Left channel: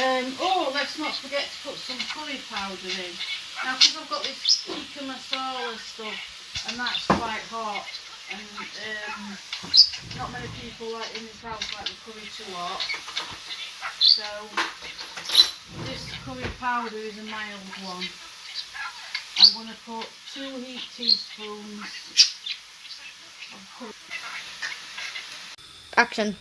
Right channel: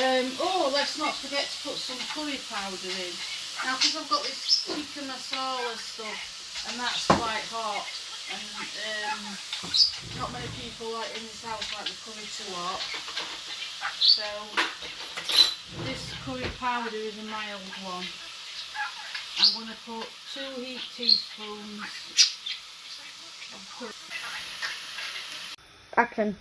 Oh, let's not forget to put some curry powder in. Now, because I've got this tikka masala stuff, and that's quite hot, and not many people like in this house like the curry too hot. So this curry powder is a mild one. I'm going to put 2 heaped teaspoons of curry. Action.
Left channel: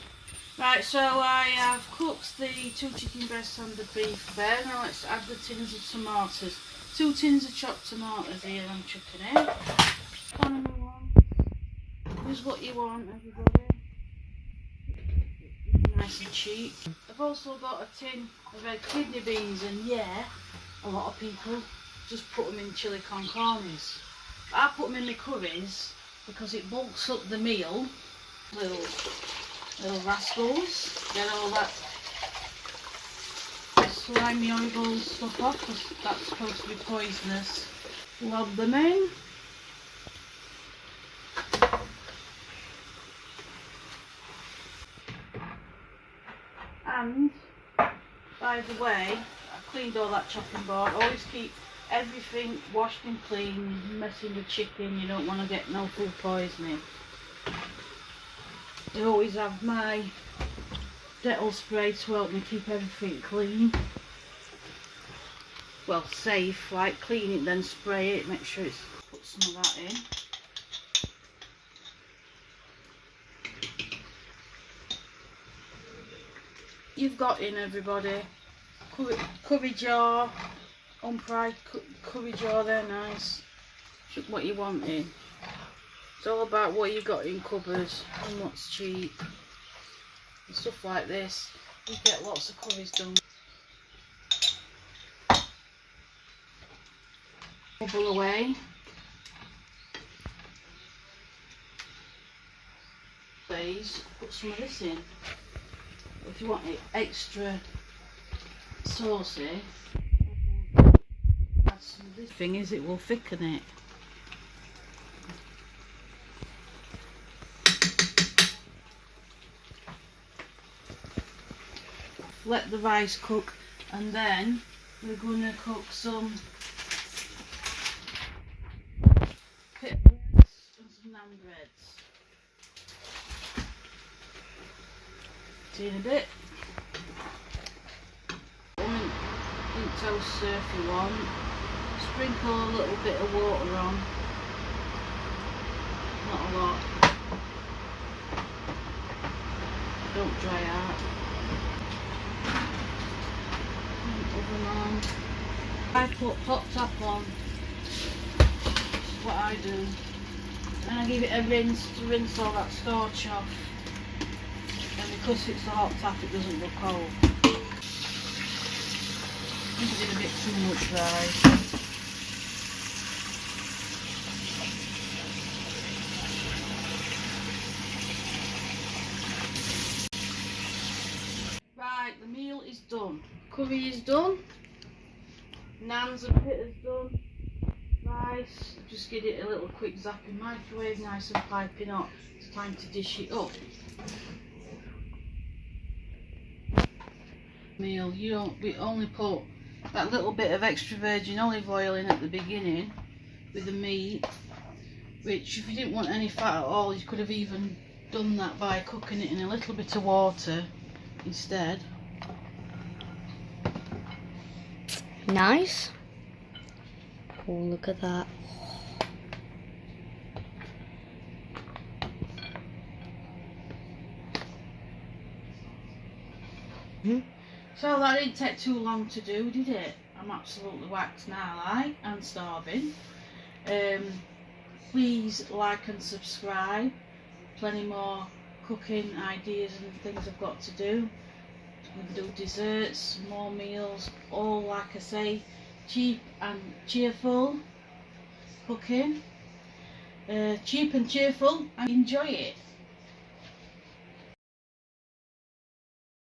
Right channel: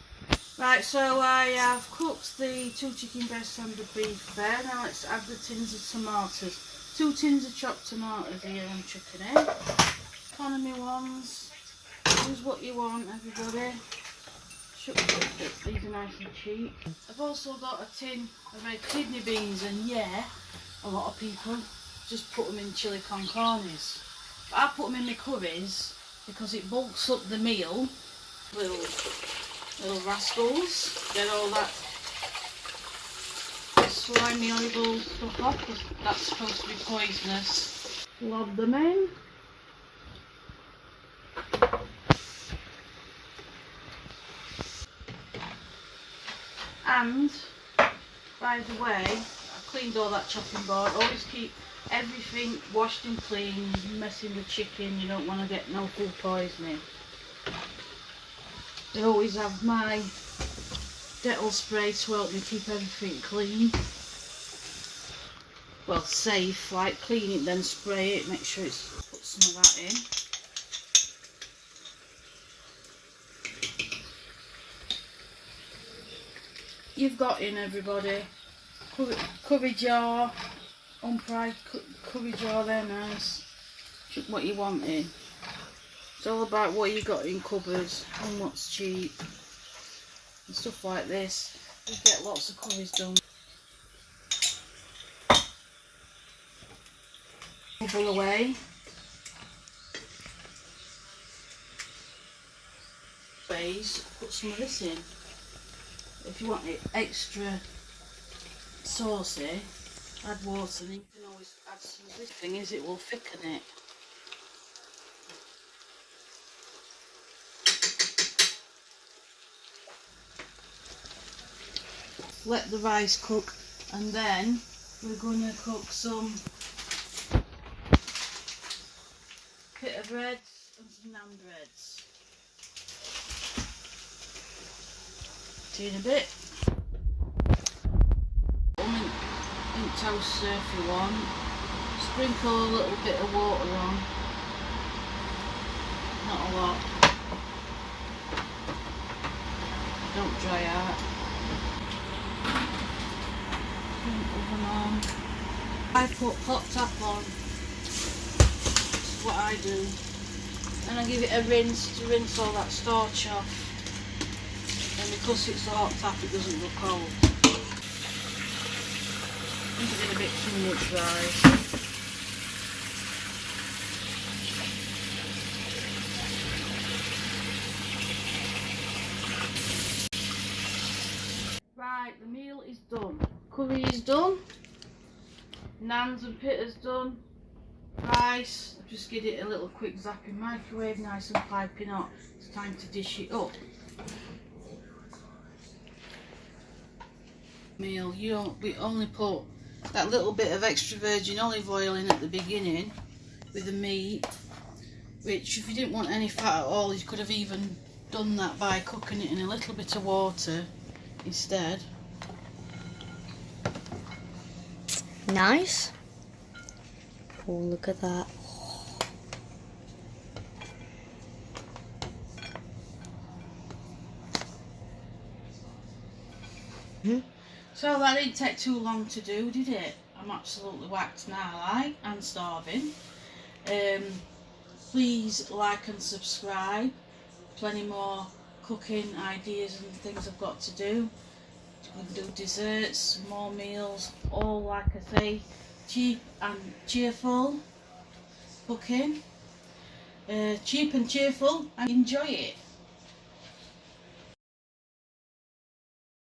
Right, so I have cooked the 2 chicken breasts and the beef there. Now let's add the tins of tomatoes. 2 tins of chopped tomatoes here I'm chucking in. Economy ones. Use what you want, everybody. These are nice and cheap. I've also got a tin of red kidney beans, and yeah, a lot of people just put them in chili con carnes. But I put them in my curries because it bulks up the meal. Little rascals, get all that slimy, horrible stuff off, because that's supposed to be poisonous. Lob them in. And, by the way, I cleaned all that chopping board. Always keep everything washed and clean. Messing with chicken, you don't want to get no food poisoning. I always have my Dettol spray to help me keep everything clean. Well, safe, like clean it, then spray it, make sure it's put some of that in. You've got in, everybody, curry jar, unpried curry jar, they're nice. Chuck what you want in. It's all about what you got in cupboards and what's cheap and stuff like this. You get lots of curries done. Bubble away. Please put some of this in. If you want it extra saucy, add water. You can always add some of this. Thing is, it will thicken it. Let the rice cook, and then we're going to cook some pita breads and some naan breads. See you in a bit. Mint toast if you want. Sprinkle a little bit of water on. Not a lot. Don't dry out. Oven on. I put hot tap on. That's what I do. And I give it a rinse to rinse all that starch off. And because it's a hot tap, it doesn't look cold. I think I did a bit too much rice. Right, the meal is done. Curry is done. Naans and pitta's done. Rice, just give it a little quick zap in microwave, nice and piping hot. It's time to dish it up. Meal, we only put that little bit of extra virgin olive oil in at the beginning with the meat, which if you didn't want any fat at all, you could have even done that by cooking it in a little bit of water instead. Nice. Oh, look at that. So that didn't take too long to do, did it? I'm absolutely whacked now, and starving. Please like and subscribe. Plenty more cooking ideas and things I've got to do. We can do desserts, more meals, all like I say, cheap and cheerful cooking. Cheap and cheerful, and enjoy it.